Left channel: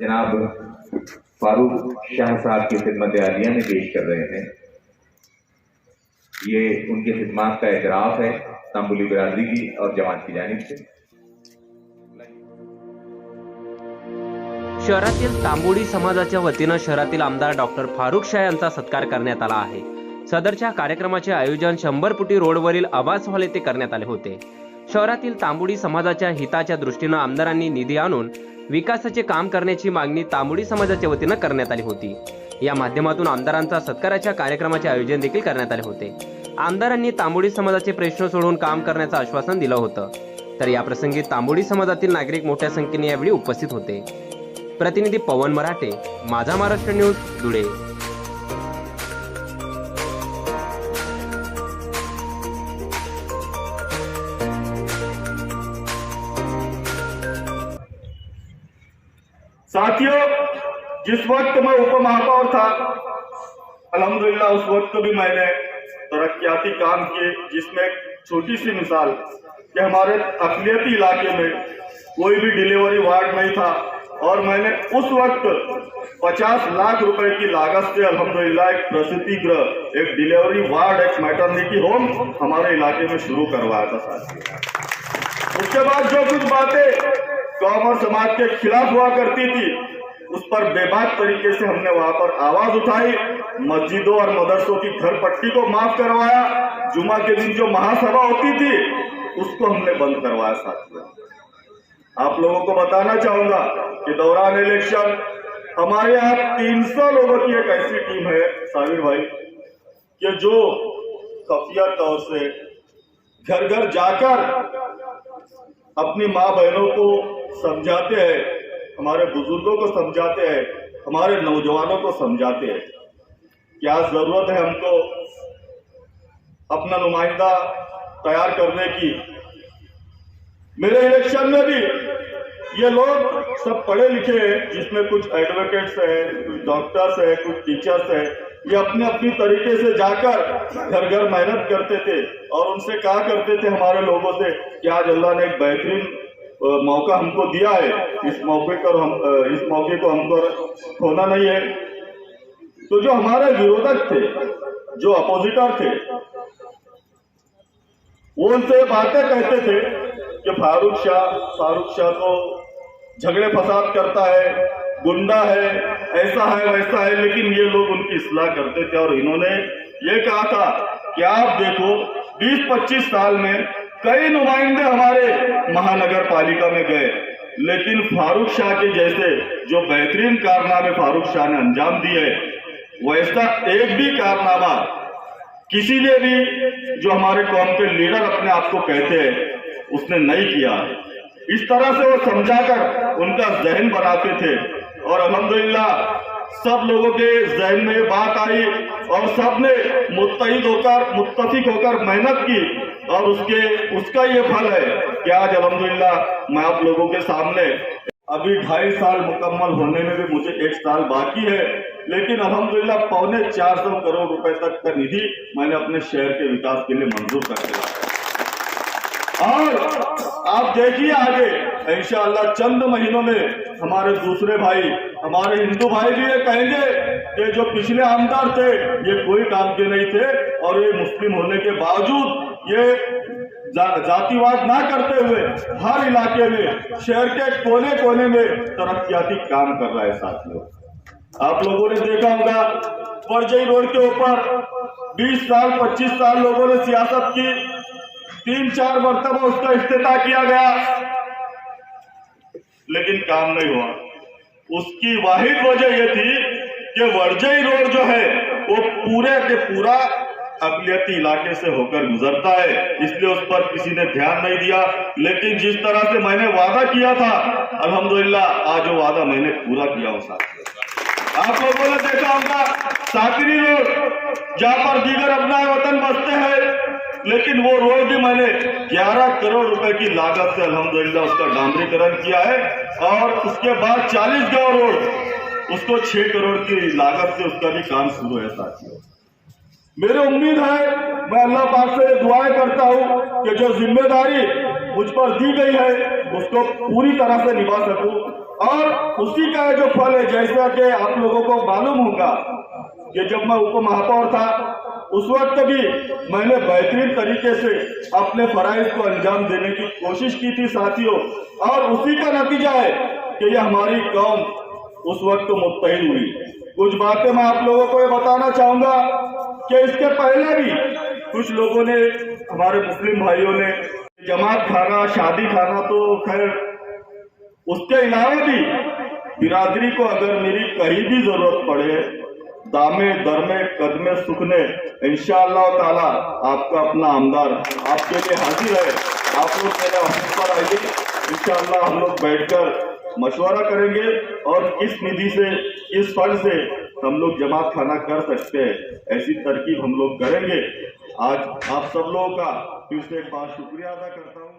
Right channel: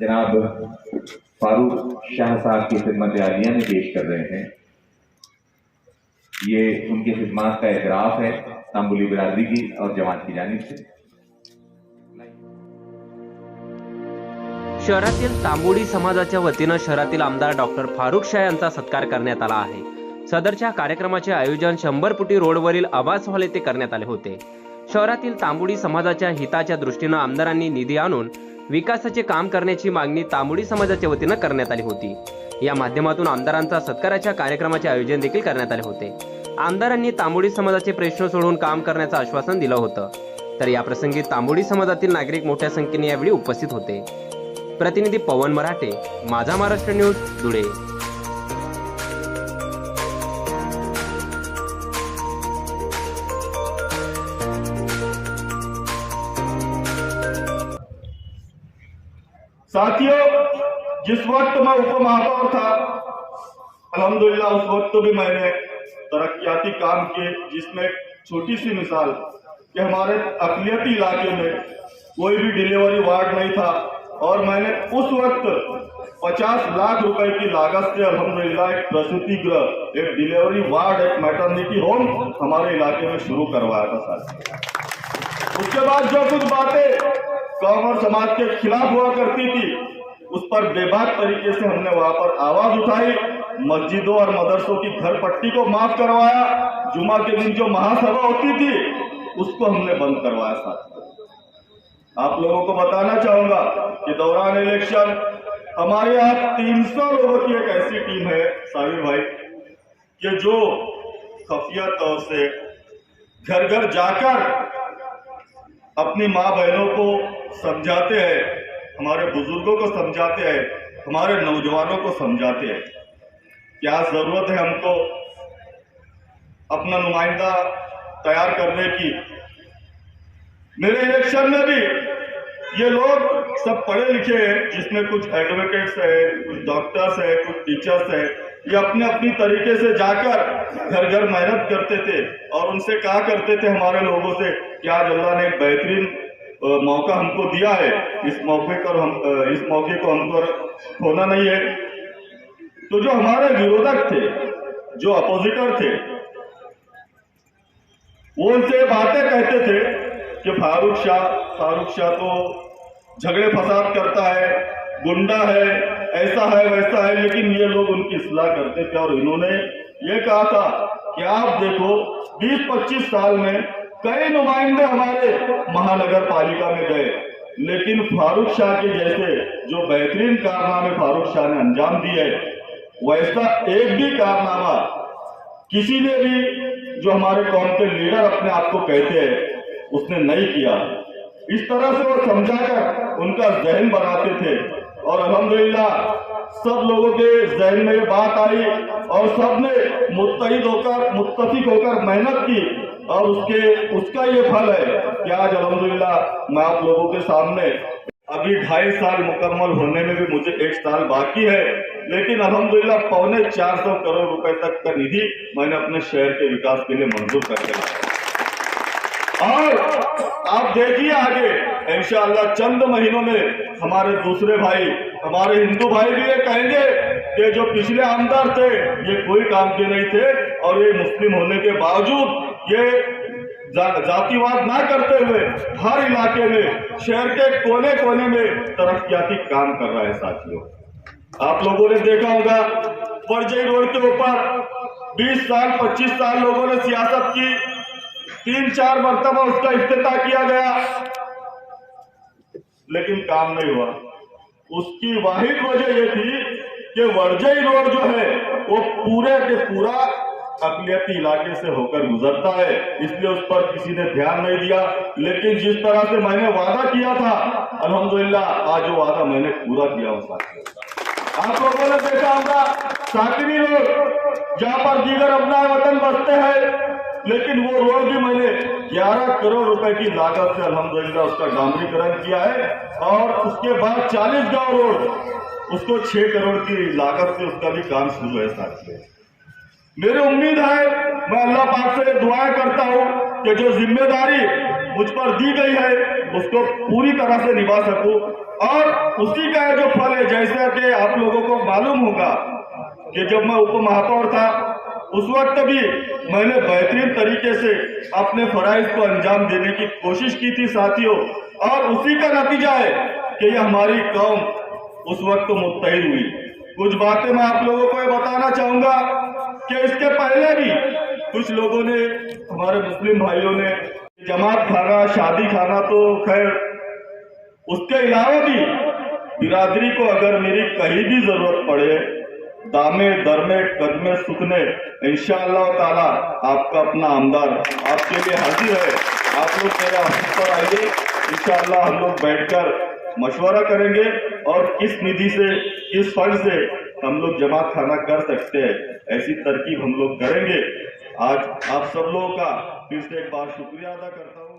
जनाब फारूक शाह साहब की खिदमत आलिया में पेश कर रहे हैं। ये उनकी खिदमत का एतराफ़ है तांबुली बिरादरी की और जमात की जानिब से। शहरातील तांबोडी समाजाच्या वतीनं शहरातील आमदार डॉक्टर फारूक शाह यांचा सत्कार करण्यात आला आहे। सदरच्या कार्यक्रमाचे आयोजन 100 फुटी रोडवरील आवास हॉल येथे करण्यात आले होते। शहरातील तांबोडी समाजाच्या हिताच्या दृष्टीनं आमदारांनी निधी आणून विकासाचे काम करण्याची मागणी तांबोडी समाजाच्या वतीनं करण्यात आली होती। या माध्यमातून आमदारांचा सत्काराच्या कार्यक्रमाचे आयोजन देखील करण्यात आले होते। आमदारांनी तांबोडी समाजाचे प्रश्न सोडवून काम करण्याचं आश्वासन दिलं होतं। तर या प्रसंगी तांबोडी समाजातील नागरिक मोठ्या संख्येने यावेळी उपस्थित होते। प्रतिनिधी पवन मराठे, माझा महाराष्ट्र न्यूज, धुळे। साथियों, जिस वक्त मैं उप महापौर था, अल्हम्दुलिल्लाह उस वक्त भी मैंने तरक्याती काम किए, जिसमें एक छोटी सी मिसाल कि हमारे अक़लियती इलाके में कोई भी डिलीवरी वार्ड नहीं था और मैंने उस वक्त 50 लाख रुपए की लागत से अल्हम्दुलिल्लाह एक प्रसूति गृह, एक डिलीवरी वार्ड, एक मैटरनिटी होम हमारे इलाके में शुरू करवाया था साथियों। उसके बाद जो कुछ बातें कौम समाज के खिलाफ हुआ करती थी, उस पर बेबाक तरीके से हमने वहां पर आवाज उठाई। मस्जिदों और मदरसों की घर पट्टी को माफ करवाया। जुमा के दिन जो महासभा होती थी उसको हमने बंद करवाया साथियों। आप लोगों को बताना चाहूंगा कि दौरान इलेक्शन हमारे यहाँ 300 लोगों की एक ऐसी टीम है साबिर भाई, कि जो खुफिया तौर से घर घर जाकर अपनी माँ बहनों को समझाते हैं, हमारे बुजुर्गों को समझाते हैं, हमारे नौजवानों को समझाते हैं क्या जरूरत है हमको अपना नुमाइंदा तैयार करने की। मेरे इलेक्शन में भी ये लोग सब पढ़े लिखे हैं, जिसमें कुछ एडवोकेट्स हैं, कुछ डॉक्टर्स हैं, कुछ टीचर्स हैं। ये अपने अपनी तरीके से जाकर घर घर मेहनत करते थे और उनसे कहा करते थे हमारे लोगों से कि आज अल्लाह ने एक बेहतरीन मौका हमको दिया है, इस मौके को हमको खोना नहीं है। तो जो हमारे विरोधक थे, जो अपोजिटर थे, वो उनसे बातें कहते थे कि फारूक शाह तो झगड़े फसाद करता है, गुंडा है, ऐसा है वैसा है, लेकिन ये लोग उनकी इस्लाह करते थे। और इन्होंने ये कहा था कि आप देखो 20-25 साल में कई नुमाइंदे हमारे महानगर पालिका में गए, लेकिन फारूक शाह के जैसे जो बेहतरीन कारनामे फारूक शाह ने अंजाम दिए, वैसा एक भी कारनामा किसी ने भी जो हमारे कौम के लीडर अपने आप को कहते हैं उसने नहीं किया। इस तरह से वो समझाकर उनका जहन बनाते थे और अल्हम्दुलिल्लाह सब लोगों के जहन में ये बात आई और सब ने मुत्तफिक होकर मेहनत की और उसका ये फल है कि आज अल्हम्दुलिल्लाह मैं आप लोगों के सामने अभी 2.5 साल मुकम्मल होने में भी मुझे 1 साल बाकी है, लेकिन अल्हम्दुलिल्लाह 450 करोड़ रुपए तक का निधि मैंने अपने शहर के विकास के लिए मंजूर कर दिया। और आप देखिए आगे इंशाअल्लाह चंद महीनों में हमारे दूसरे भाई, हमारे हिंदू भाई भी ये कहेंगे कि जो पिछले आमदार थे ये कोई काम के नहीं थे और ये मुस्लिम होने के बावजूद ये जातिवाद ना करते हुए हर इलाके में, शहर के कोने कोने में तरक्याती काम कर रहा है साथियों। आप लोगों ने देखा होगा परजई रोड के ऊपर 20 साल 25 साल लोगों ने सियासत की, 3-4 मरतबा उसका इफ्तिताह किया गया, लेकिन काम नहीं हुआ। उसकी वाहिद वजह यह थी कि वर्जई रोड जो है वो पूरे के पूरा अक़लियती इलाके से होकर गुजरता है, इसलिए उस पर किसी ने ध्यान नहीं दिया। लेकिन जिस तरह से मैंने वादा किया था अल्हम्दुलिल्लाह आज वो वादा मैंने पूरा किया हूं साथियों। आप लोगों ने देखा होगा साकरी रोड जहां पर दीगर अपना वतन बसते हैं, लेकिन वो रोड भी मैंने 11 करोड़ रुपए की लागत से अल्हम्दुलिल्लाह उसका डामरीकरण किया है और उसके बाद 40 गांव रोड उसको 6 करोड़ की लागत से उसका भी काम शुरू है साथियों। मेरी उम्मीद है, मैं अल्लाह पाक से दुआएं करता हूं कि जो जिम्मेदारी मुझ पर दी गई है उसको पूरी तरह से निभा सकूं और उसी का जो फल है, जैसा कि आप लोगों को मालूम होगा कि जब मैं उप महापौर था उस वक्त भी मैंने बेहतरीन तरीके से अपने फराइज को अंजाम देने की कोशिश की थी साथियों, और उसी का नतीजा है कि ये हमारी कौम उस वक्त मुत्तहिद हुई। कुछ बातें मैं आप लोगों को ये बताना चाहूंगा कि इसके पहले भी कुछ लोगों ने, हमारे मुस्लिम भाइयों ने, जमात खाना, शादी खाना, तो खैर उसके अलावा भी बिरादरी को अगर मेरी कहीं भी जरूरत पड़े, दामे दरमे कदमे सुखने, इंशाअल्लाह ताला आपका अपना आमदार आपके लिए हाजिर है। आप लोग मेरे ऑफिस पर आइए, इंशाअल्लाह हम लोग बैठकर मशवरा करेंगे और किस निधि से, किस फंड से हम लोग जमात खाना कर सकते हैं, ऐसी तरकीब हम लोग करेंगे। आज आप सब लोगों का फिर से एक बार शुक्रिया अदा करता हूँ।